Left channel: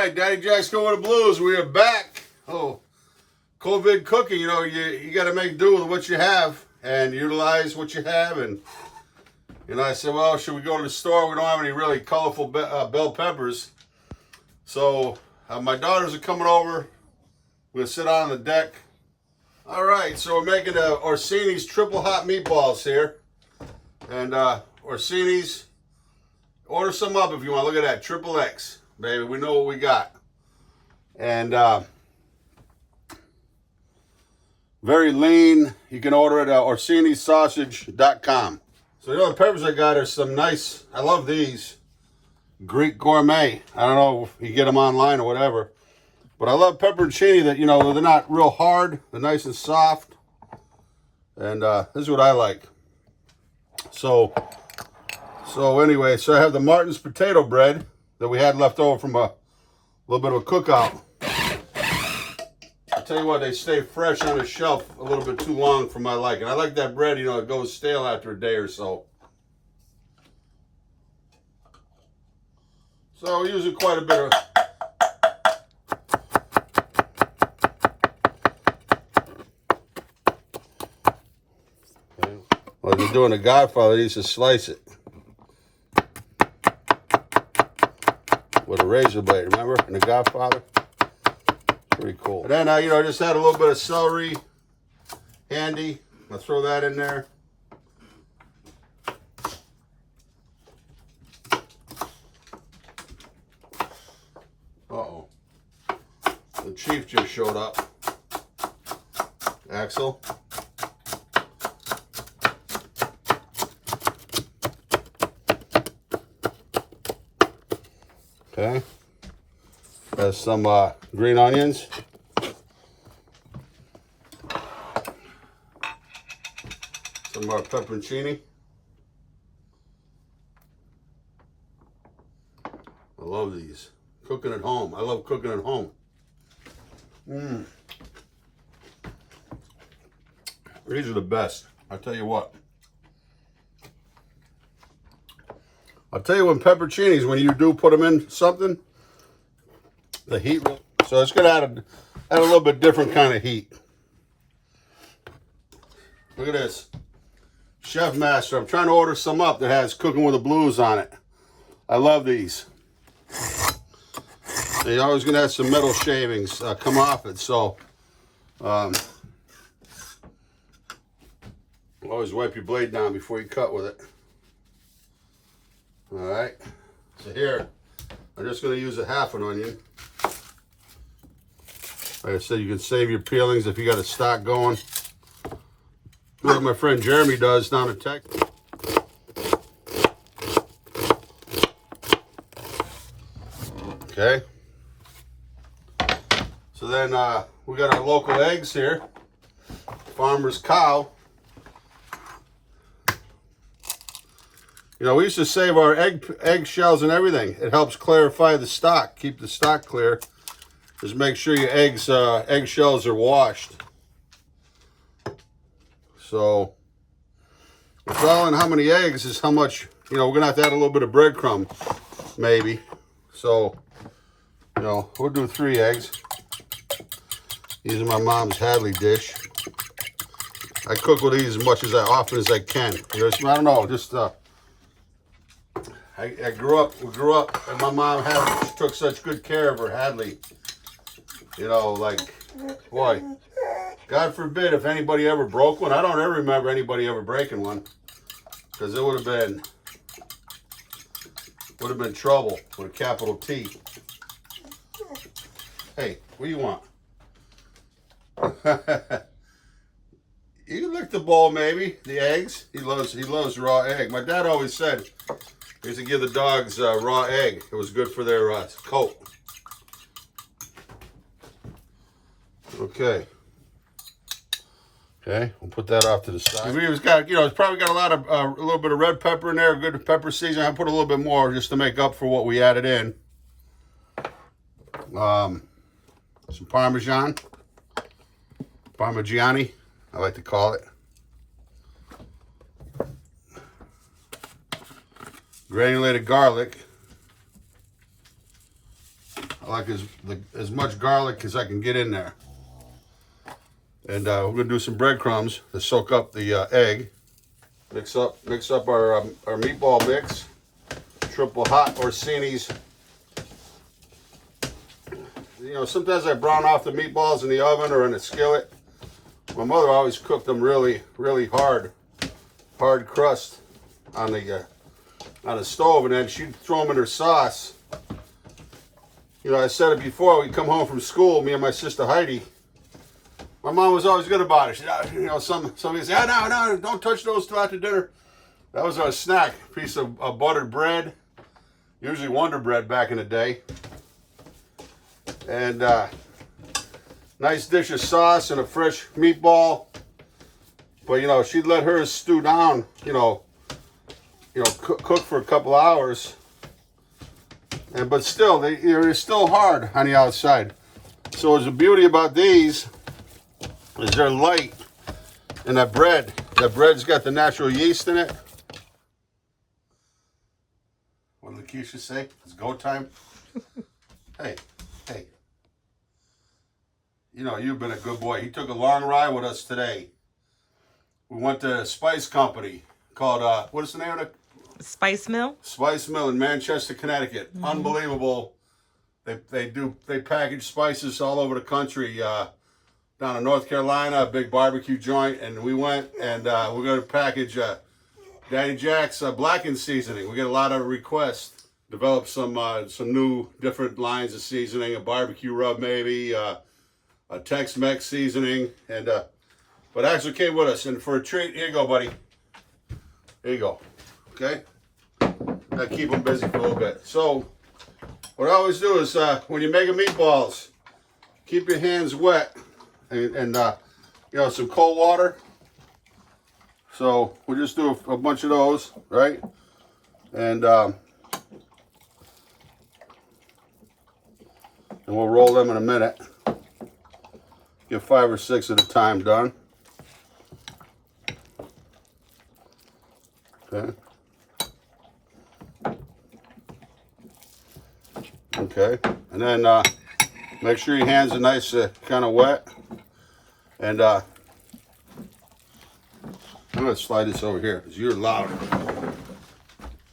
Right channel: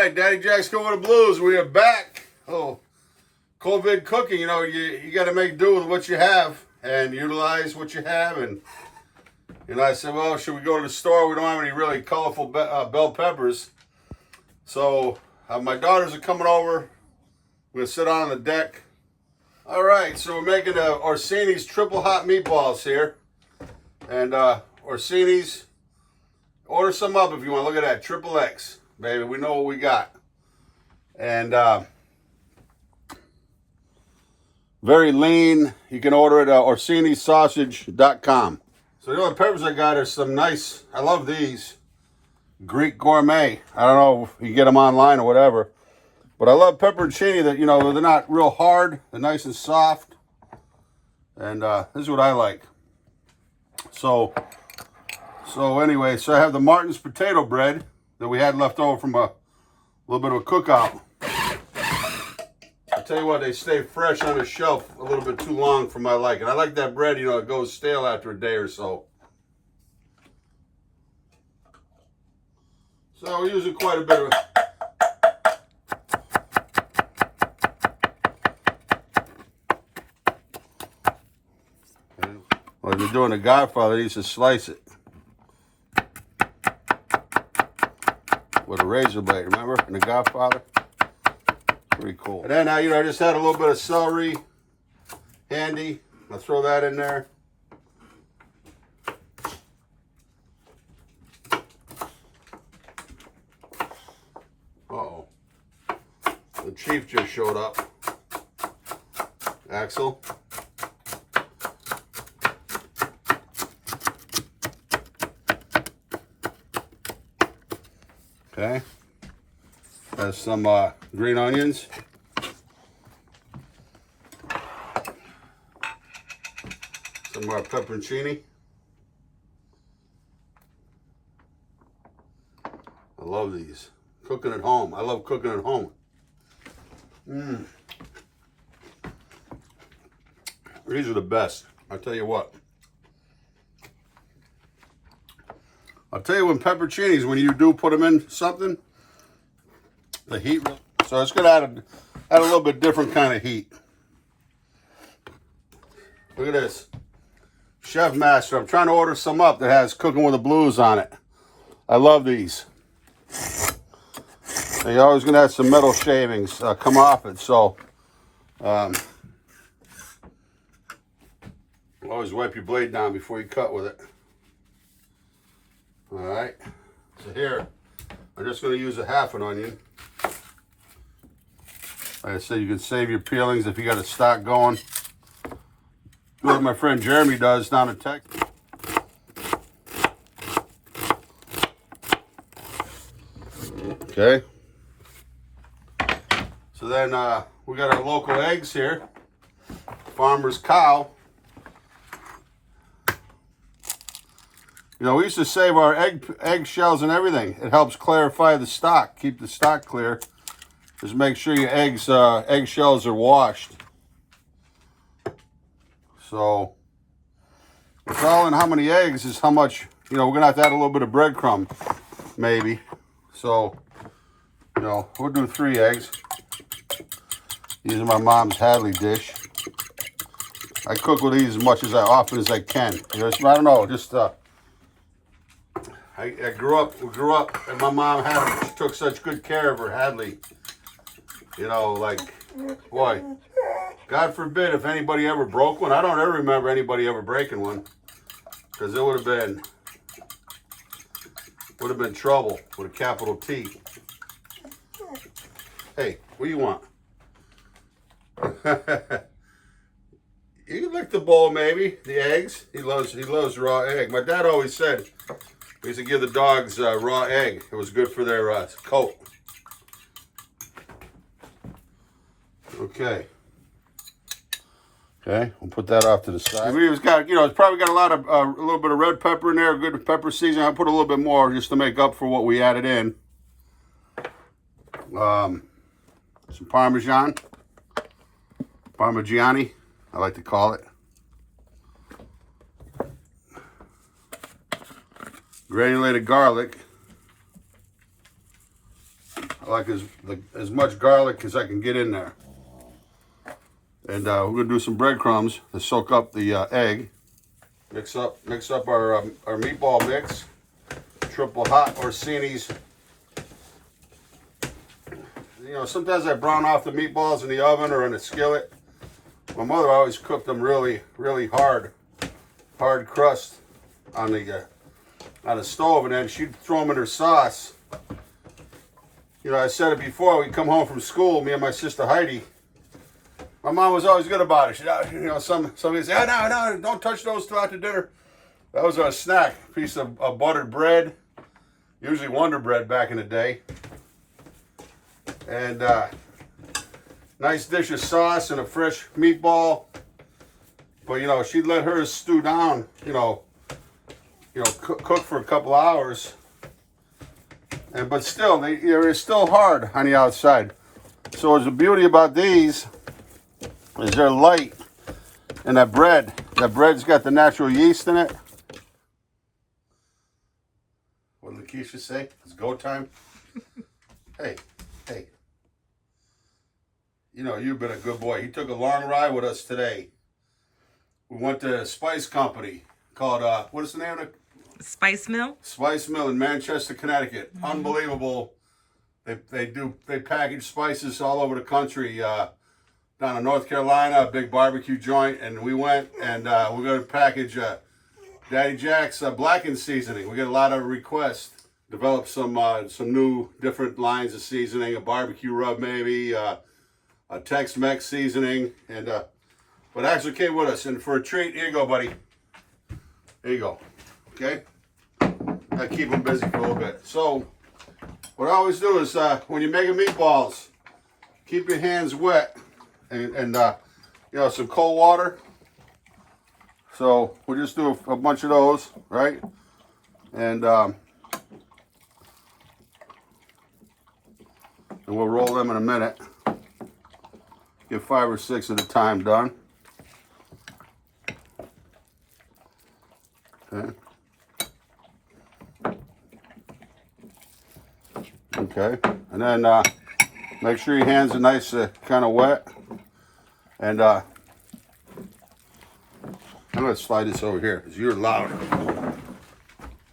right, Daddy Jack's going with the blues. We are back. Oh, COVID cooking, you know, you got to make do with what you have and utilize what you have. And, you know, I said, well, should we go to the store? We don't have any really colorful bell peppers. So my daughters are coming over. We're going to sit on the deck. All right, so we're making Orsini's triple hot meatballs here. And Orsini's, order some up if you want. Look at that, XXX. Baby, we know what we got. And very lean. You can order it at orsinisausage.com. So the other peppers I got are some nice, I love these, Greek gourmet. I don't know if you get them online or whatever. But I love pepperoncini that, you know, they're not real hard. They're nice and soft. And this is what I like. So anyway, so I have the Martin's potato bread that we had left over from a little bit of a cookout. I'll tell you what, they stay fresh on the shelf a little bit too long for my liking. I like that bread, you know, it goes stale after a day or so. So we're using quite a bit of... Okay. Well, they're doing the Godfather, he used to slice it with a razor blade, remember? In the Godfather. Pretty cool. And then, you know, I just had a little bit of celery handy. I'll throw that in there. Uh-oh. The chief just showed up. Axel. Okay. There's some green onions. Some more pepperoncini. I love these. Cooking at home. I love cooking at home. These are the best. I'll tell you what. I'll tell you when pepperoncinis, when you do put them in something, the heat, so it's going to add a little bit different kind of heat. Look at this. Chef Master. I'm trying to order some up that has Cooking with the Blues on it. I love these. And you're always going to have some metal shavings come off it, so always wipe your blade down before you cut with it. All right, so here, I'm just going to use a half an onion. Like I said, you can save your peelings if you got a stock going. Like my friend Jeremy does down in Texas. Okay. So then we got our local eggs here. Farmer's Cow. You know, we used to save our egg shells and everything. It helps clarify the stock, keep the stock clear. Just make sure your egg shells are washed. So, it's all in how many eggs is how much, you know, we're going to have to add a little bit of breadcrumb, maybe. So, you know, we'll do 3 eggs. Using my mom's Hadley dish. I cook with these as much as often as I can. You know, I don't know, just... we grew up, and my mom took such good care of her Hadley. You know, like, boy, God forbid if anybody ever broke one. I don't ever remember anybody ever breaking one, because it would have been trouble with a capital T. Hey, what do you want? You can lick the bowl, maybe the eggs. He loves raw egg. My dad always said. We used to give the dogs raw egg. It was good for their coat. Okay. Okay, we'll put that off to the side. We've got, you know, it's probably got a little bit of red pepper in there, good pepper seasoning. I'll put a little bit more just to make up for what we added in. Some Parmesan. Parmigiani, I like to call it. Granulated garlic. like as much garlic as I can get in there. And we're gonna do some breadcrumbs to soak up the egg. Mix up our meatball mix. Triple hot Orsini's. You know, sometimes I brown off the meatballs in the oven or in a skillet. My mother always cooked them really, really hard crust on the stove, and then she'd throw them in her sauce. You know, I said it before. We'd come home from school, me and my sister Heidi. My mom was always good about it. She, you know, somebody said, no, don't touch those till after dinner. That was our snack, piece of buttered bread, usually Wonder Bread back in the day. And nice dish of sauce and a fresh meatball. But, you know, she'd let hers stew down, cook for a couple hours. But still, they're still hard on the outside. So the beauty about these is they're light. And that bread's got the natural yeast in it. What did Lakeisha say? It's go time. Hey. You know, you've been a good boy. He took a long ride with us today. We went to a spice company called, what is the name of it? Spice Mill? Spice Mill in Manchester, Connecticut. Mm-hmm. Unbelievable. They package spices all over the country. Down in North Carolina, a big barbecue joint. And we went and we're going to package Daddy Jack's blackened seasoning. We get a lot of requests. Develop some new different lines of seasoning, a barbecue rub maybe, a Tex-Mex seasoning, and but actually came with us. And for a treat, here you go, buddy. Here you go. Okay? I keep them busy for a little bit. So, what I always do is when you're making meatballs, keep your hands wet and some cold water. So we'll just do a bunch of those, right? And we'll roll them in a minute. Get 5 or 6 at a time done. Okay. And then make sure your hands are nice, kind of wet. And I'm going to slide this over here because you're loud.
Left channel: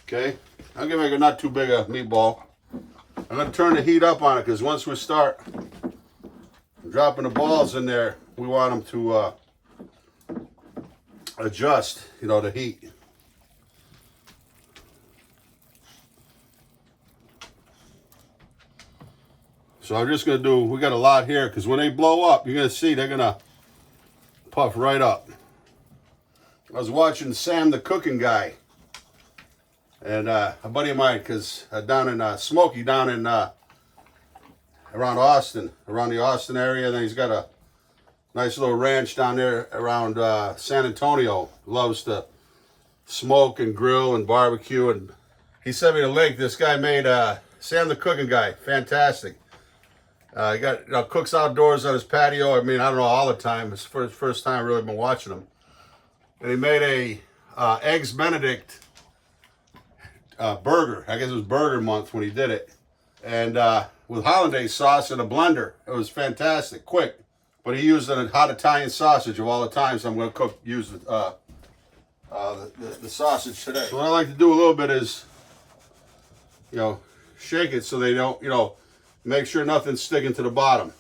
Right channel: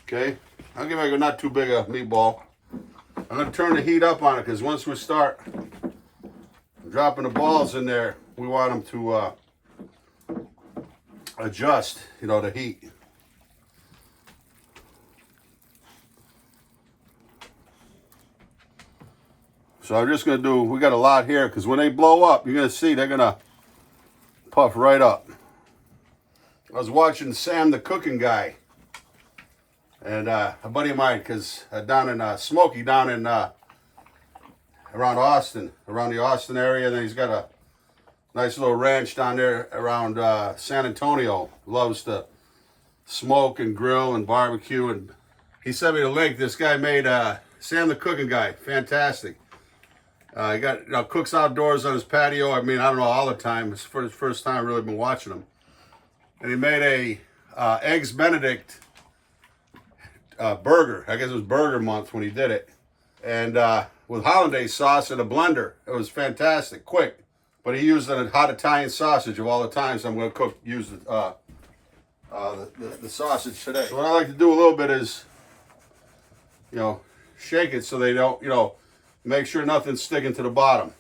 Okay. I'll give it not too big a meatball. I'm going to turn the heat up on it because once we start dropping the balls in there, we want them to adjust, the heat. So I'm just going to do, we got a lot here because when they blow up, you're going to see they're going to puff right up. I was watching Sam the Cooking Guy. And a buddy of mine, because down in Smokey, down in around Austin, around the Austin area, and then he's got a nice little ranch down there around San Antonio. Loves to smoke and grill and barbecue. And he sent me the link. This guy made Sam the Cooking Guy, fantastic. He got cooks outdoors on his patio. I mean, I don't know all the time. It's for his first time I've really been watching him. And he made a Eggs Benedict burger. I guess it was burger month when he did it. And with hollandaise sauce in a blender. It was fantastic, quick. But he used a hot Italian sausage of all the time, so I'm going to use the sausage today. So what I like to do a little bit is, shake it so they don't, make sure nothing's sticking to the bottom.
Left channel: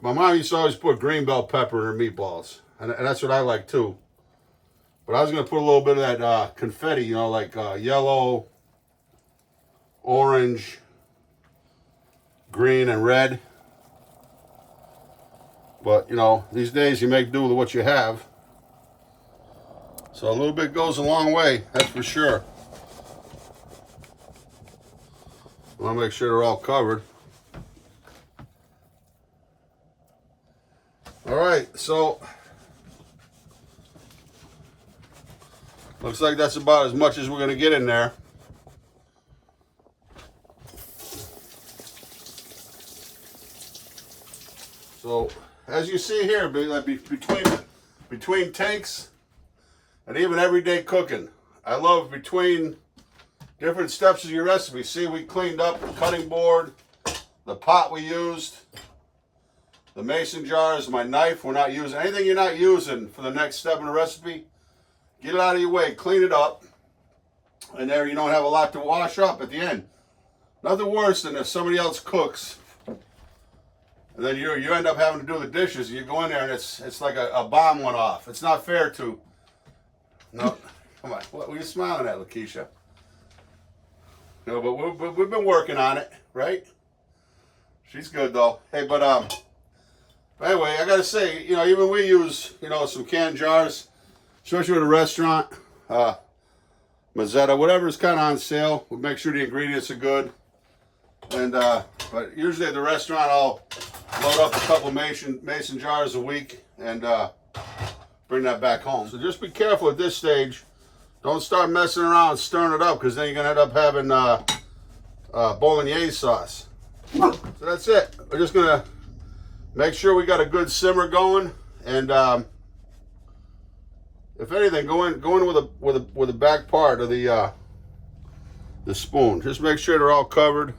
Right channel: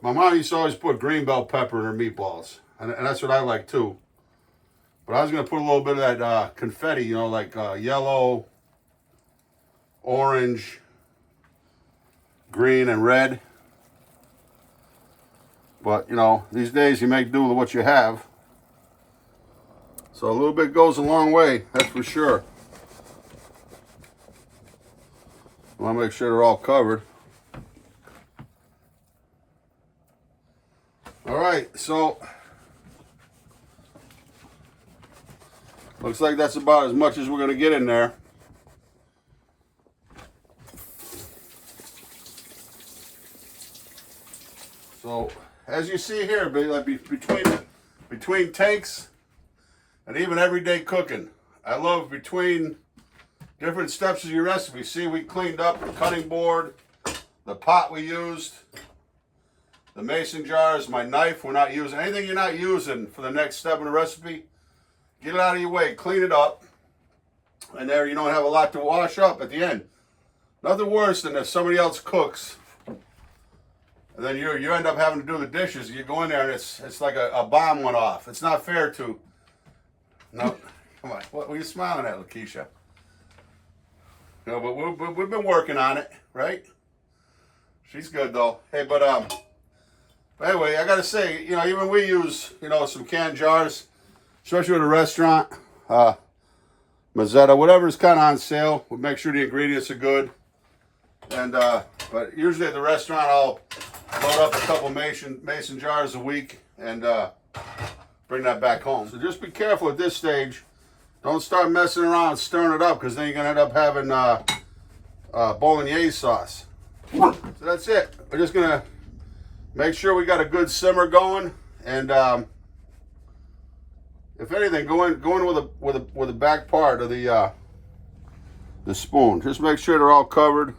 My mom used to always put green bell pepper in her meatballs, and that's what I like too. But I was going to put a little bit of that confetti, like yellow, orange, green, and red. But, these days you make do with what you have. So a little bit goes a long way, that's for sure. I want to make sure they're all covered. All right, so looks like that's about as much as we're going to get in there. So as you see here, between takes and even everyday cooking, I love between different steps of your recipe. See, we cleaned up the cutting board, the pot we used, the mason jars, my knife. We're not using anything you're not using for the next step in the recipe. Get it out of your way, clean it up, and there you don't have a lot to wash up at the end. Nothing worse than if somebody else cooks, and then you end up having to do the dishes. You go in there and it's like a bomb went off. It's not fair to. No, come on. What were you smiling at, Lakeisha? No, but we've been working on it, right? She's good though. Hey, but anyway, I gotta say, you know, even we use, you know, some canned jars, especially at a restaurant, Mazzetta, whatever's kind of on sale. We make sure the ingredients are good. And but usually at the restaurant, I'll load up a couple mason jars a week and bring that back home. So just be careful at this stage. Don't start messing around stirring it up, because then you're gonna end up having bolognese sauce. So that's it. We're just gonna make sure we got a good simmer going, and if anything, go in with the back part of the spoon. Just make sure they're all covered.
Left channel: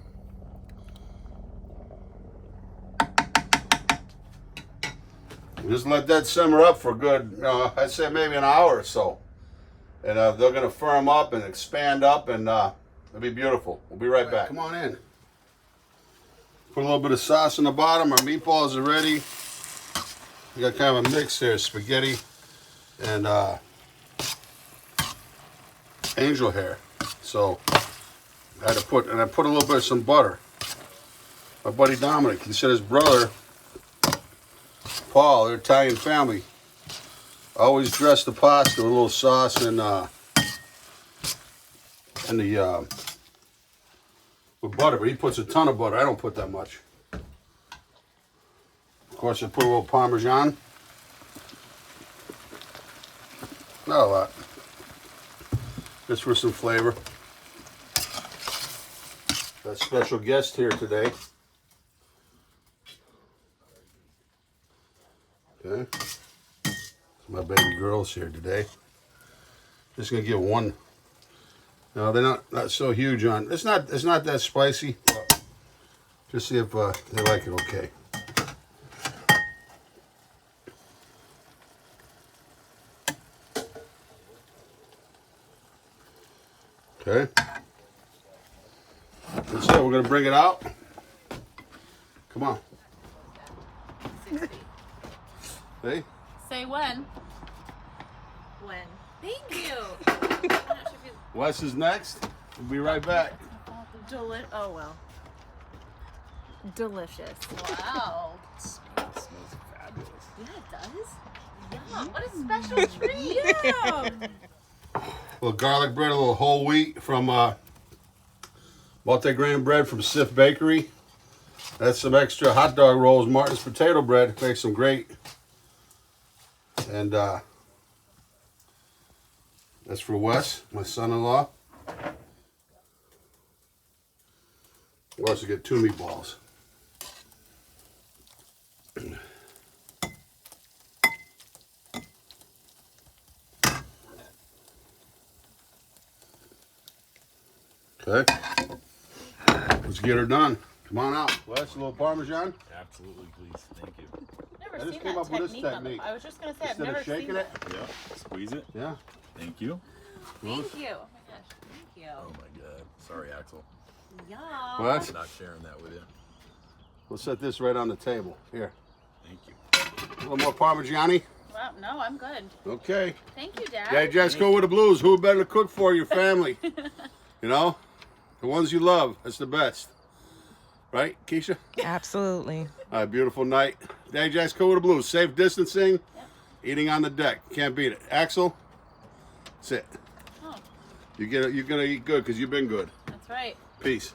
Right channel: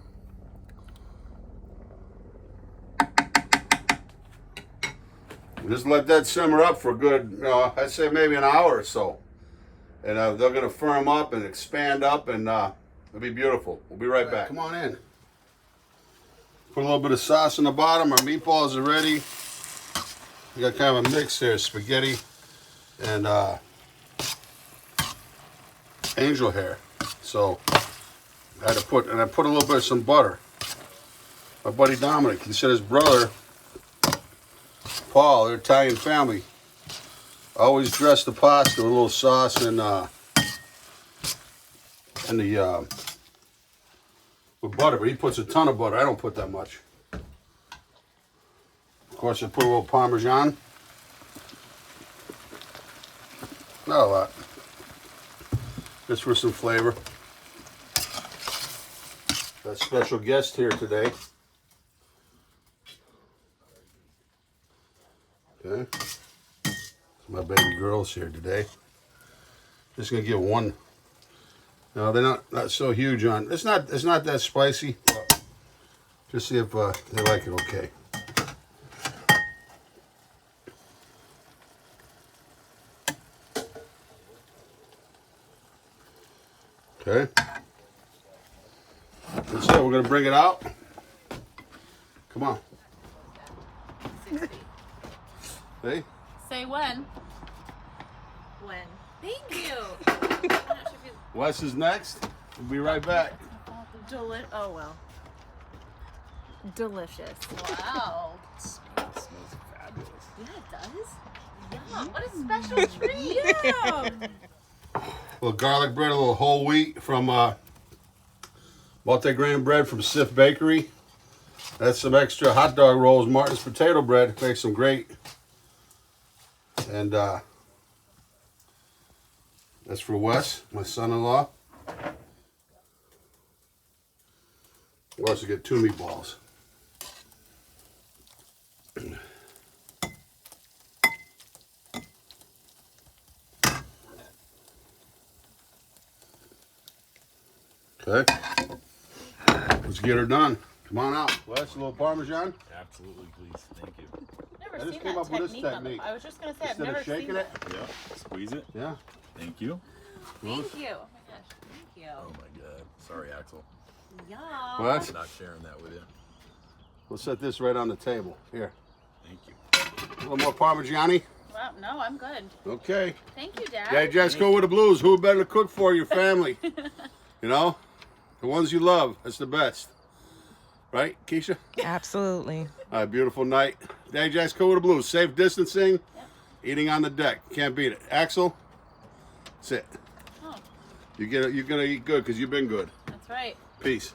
Just let that simmer up for a good, you know, I'd say maybe an hour or so. And they're going to firm up and expand up, and it'll be beautiful. We'll be right back. Come on in. Put a little bit of sauce in the bottom. Our meatballs are ready. We got kind of a mix there, spaghetti and angel hair. So I put a little bit of some butter. My buddy Dominic, he said his brother Paul, they're Italian family, always dress the pasta with a little sauce and with butter, but he puts a ton of butter. I don't put that much. Of course, I put a little Parmesan. Not a lot. Just for some flavor. Got a special guest here today. Okay. My baby girl's here today. Just gonna give one. No, they're not so huge on. It's not that spicy. Just see if they like it. Okay. Okay. That's it. We're gonna bring it out. Come on. 60. Hey. Say when. When. Thank you. Wes is next. We'll be right back. Oh well. Delicious. Wow. It smells fabulous. Yeah, it does. Yeah. What a special treat. Yeah. A little garlic bread, a little whole wheat from multi-grain bread from Sif Bakery. That's some extra hot dog rolls. Martin's potato bread makes them great. And that's for Wes, my son-in-law. We also get 2 meatballs. Okay. Let's get her done. Come on out. Wes, a little Parmesan? Absolutely, please. Thank you. Never I just seen came that up with this technique on the- technique. I was just gonna say Instead I've of never shaking seen it? that. Yeah. Squeeze it. Yeah. Thank you. Thank you. Oh my gosh. Thank you. Oh my God. Sorry, Axel. Yeah. What? Not sharing that with you. We'll set this right on the table. Here. Thank you. A little more Parmigiani. Well, no, I'm good. Okay. Thank you, Dad. Yeah, just go with the blues. Who better to cook for your family? You know? The ones you love. That's the best. Right, Keisha? Absolutely. All right, beautiful night. Daddy Jack's cool with the blues. Safe distancing. Yep. Eating on the deck. Can't beat it. Axel, that's it. Oh, You're gonna eat good because you've been good. that's right. Peace.